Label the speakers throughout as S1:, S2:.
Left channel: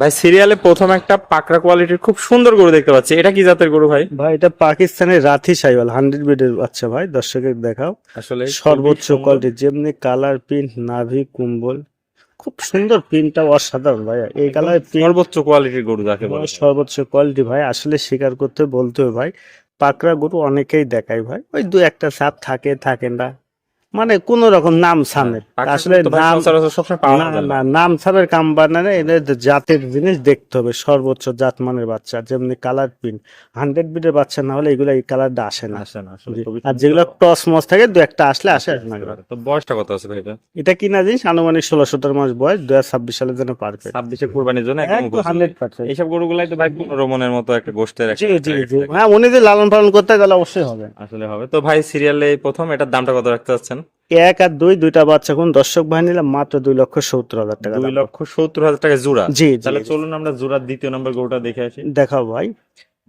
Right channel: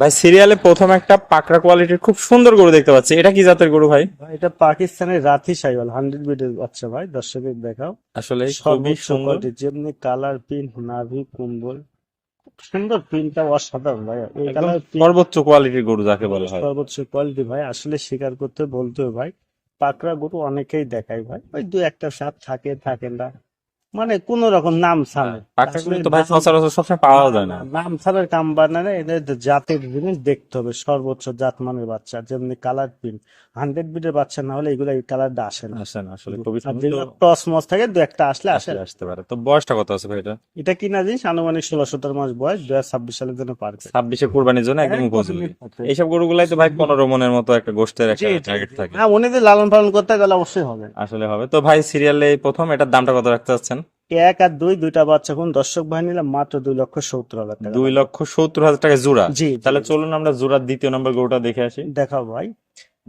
S1: ভাই সিরিয়ালে প্রথম একটা পাকড়া কোয়ালিটির খুব সুন্দর গরু দেখতে পাচ্ছি। এটা কি জাতের গরু ভাই?
S2: ভাই এটা পাকিস্তানের রাথি সাইওয়াল হান্ড্রেড বিডের বাচ্চা ভাই দর্শকের দেখাও।
S1: আসলে
S2: সর্বোচ্চ কোয়ালিটি যেমনি কালার প্রিন্ট নাভি কুম্বল খুব সুন্দর প্রিন্টটা অসাধারণ ভাই। এই কালার
S1: সর্বোচ্চ কোয়ালিটির গরু যাকে বলে
S2: সর্বোচ্চ কোয়ালিটি ভাই আসলে স্বীকার করতে বলতে হবে ভাই পাকড়া গরু অনেকেই দেখায় ভাই। ওই দু একটা সাপ থাকে থাকে না। মানে কোন রকম নাম আসলে
S1: তো ভাই
S2: নাম- না, না,
S1: না।
S2: ছাড়ার কাম বানানে এটা জাতের জিনিস দেখতে হবে সর্বোচ্চ জাত মানের বাচ্চা যেমনি কালার প্রিন্ট হান্ড্রেড বিটের বাচ্চা না হলে এগুলো এই কালারটা আসে না।
S1: আসে না আসলে
S2: আর যেগুলো টস মস থাকে দু একটা আসলে আসে
S1: আসতে পারে। তো বয়সটা কত আছে ভাই এটা?
S2: এটা কিনা জিনিস? আনুমানিক ষোলো সতেরো মাস বয়স দু হাজার ছাব্বিশ সালের জন্য পারবে
S1: ছাব্বিশে কুরবানির জন্য একদম এইসব গরুগুলাই তো ভাই পনেরো মনের মতো একটা গোষ্ঠের।
S2: হ্যাঁ উনি যে লালন পালন করতে গেলে অবশ্যই হবে।
S1: আসলে হবে। তো ভাই সিরিয়ালে প্রথম এটার দামটা কত রাখতে চাচ্ছেন?
S2: এক আর দুই দুইটা বাচ্চা কোন দর্শক ভাই নিলাম মাত্র দুই লক্ষ সত্তর হাজার টাকা
S1: দুই লক্ষ সত্তর হাজার টাকা জোড়া।
S2: জি
S1: তাহলে চলুন আমরা জোড়ার দ্বিতীয় নম্বর গরুটা দেখে আসি।
S2: দেখাও ভাই।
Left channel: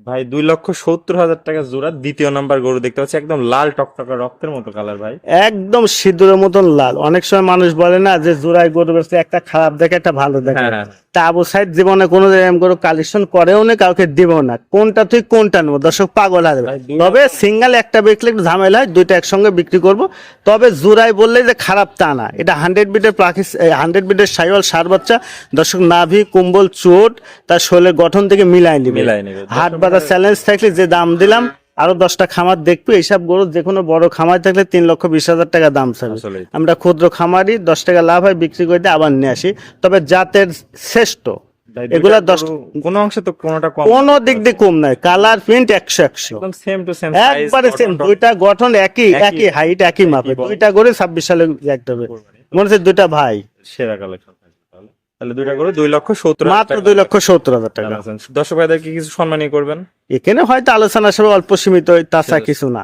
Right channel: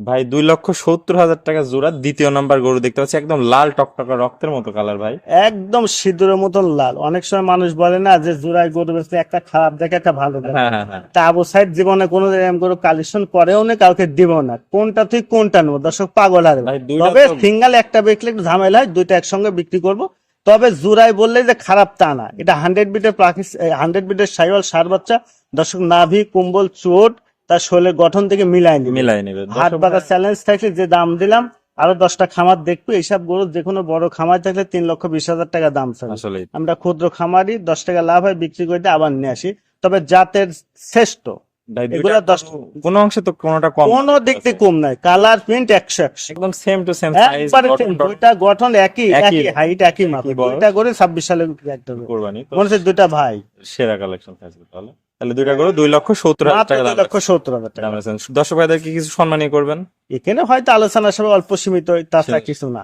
S1: ভাই দুই লক্ষ সত্তর হাজার টাকা জোড়া দ্বিতীয় নাম্বার গরু দেখতে পাচ্ছি একদম লাল টকটকা রক্তের মতো কালার ভাই।
S2: একদম সিঁদুরের মতন লাল। অনেক সময় মানুষ বলে না যে জোড়ায় গরু বেচলে একটা খারাপ দেখে একটা ভালো দেখে।
S1: হ্যাঁ হ্যাঁ হ্যাঁ।
S2: তা আবু সাইড জীবনে কোনো এরকম করে কালেকশন করেও না কাউকে দিব না। কোনটা তুই কোনটা নেব? দর্শক পাগল হবে তবে সিঙ্গেল একটা বেচলে একটু ঝামেলা হয় দুইটা একসঙ্গে বিক্রি করব। তবে জোড়ায় বললে যে খারাপ তা না। এটা হান্ড্রেড বিটের প্রাকিস হান্ড্রেড বিটের সাইওয়াল সার বাচ্চা। দর্শক নাভি কুম্বল চোট তার শরীরের গঠন থেকে মিলাই নিবে।
S1: মিলাই নেবে।
S2: হাট বাজার চ্যালেঞ্জ থাকলে যে দাম দিলাম আরও দশটা খামার দেখবে। এইসব গরু যে কোনো বড় খামার থাকলে তিন লক্ষ বিশ হাজার টাকা দাম চাবে আমরা ক্ষুদ্র খামারি দশ টাকা লাভ হয় বিক্রি করে দিয়ে আবার নিয়ে আসি। তবে জাতের শ্রেষ্ঠ এগুলা
S1: দুইটা
S2: দশ-
S1: গরু কোনো তো কোনোটা কম
S2: কোনো দিক দিয়ে কম নাই কালার প্রিন্ট একশো একশো।
S1: একদম সেম টু সেম
S2: একবারে same, দুইটা গঠন একই
S1: একই-
S2: একই হাইট একই মাপে দুইটা করে ছাব্বিশ সালে একটা হবে। মনে হচ্ছে দুইটা ভাই।
S1: সেরা কালেকশন থাকবে তাহলে। তাহলে দুইটা গরু দুই লক্ষ সত্তর
S2: মাত্র দুই লক্ষ সত্তর হাজার টাকা।
S1: দর্শক ভাইদেরকে কিছু সম্মানী করবেন।
S2: এখানে হয়তো আলোচনা সব অল্প সীমিত তাছাড়া কিছু না।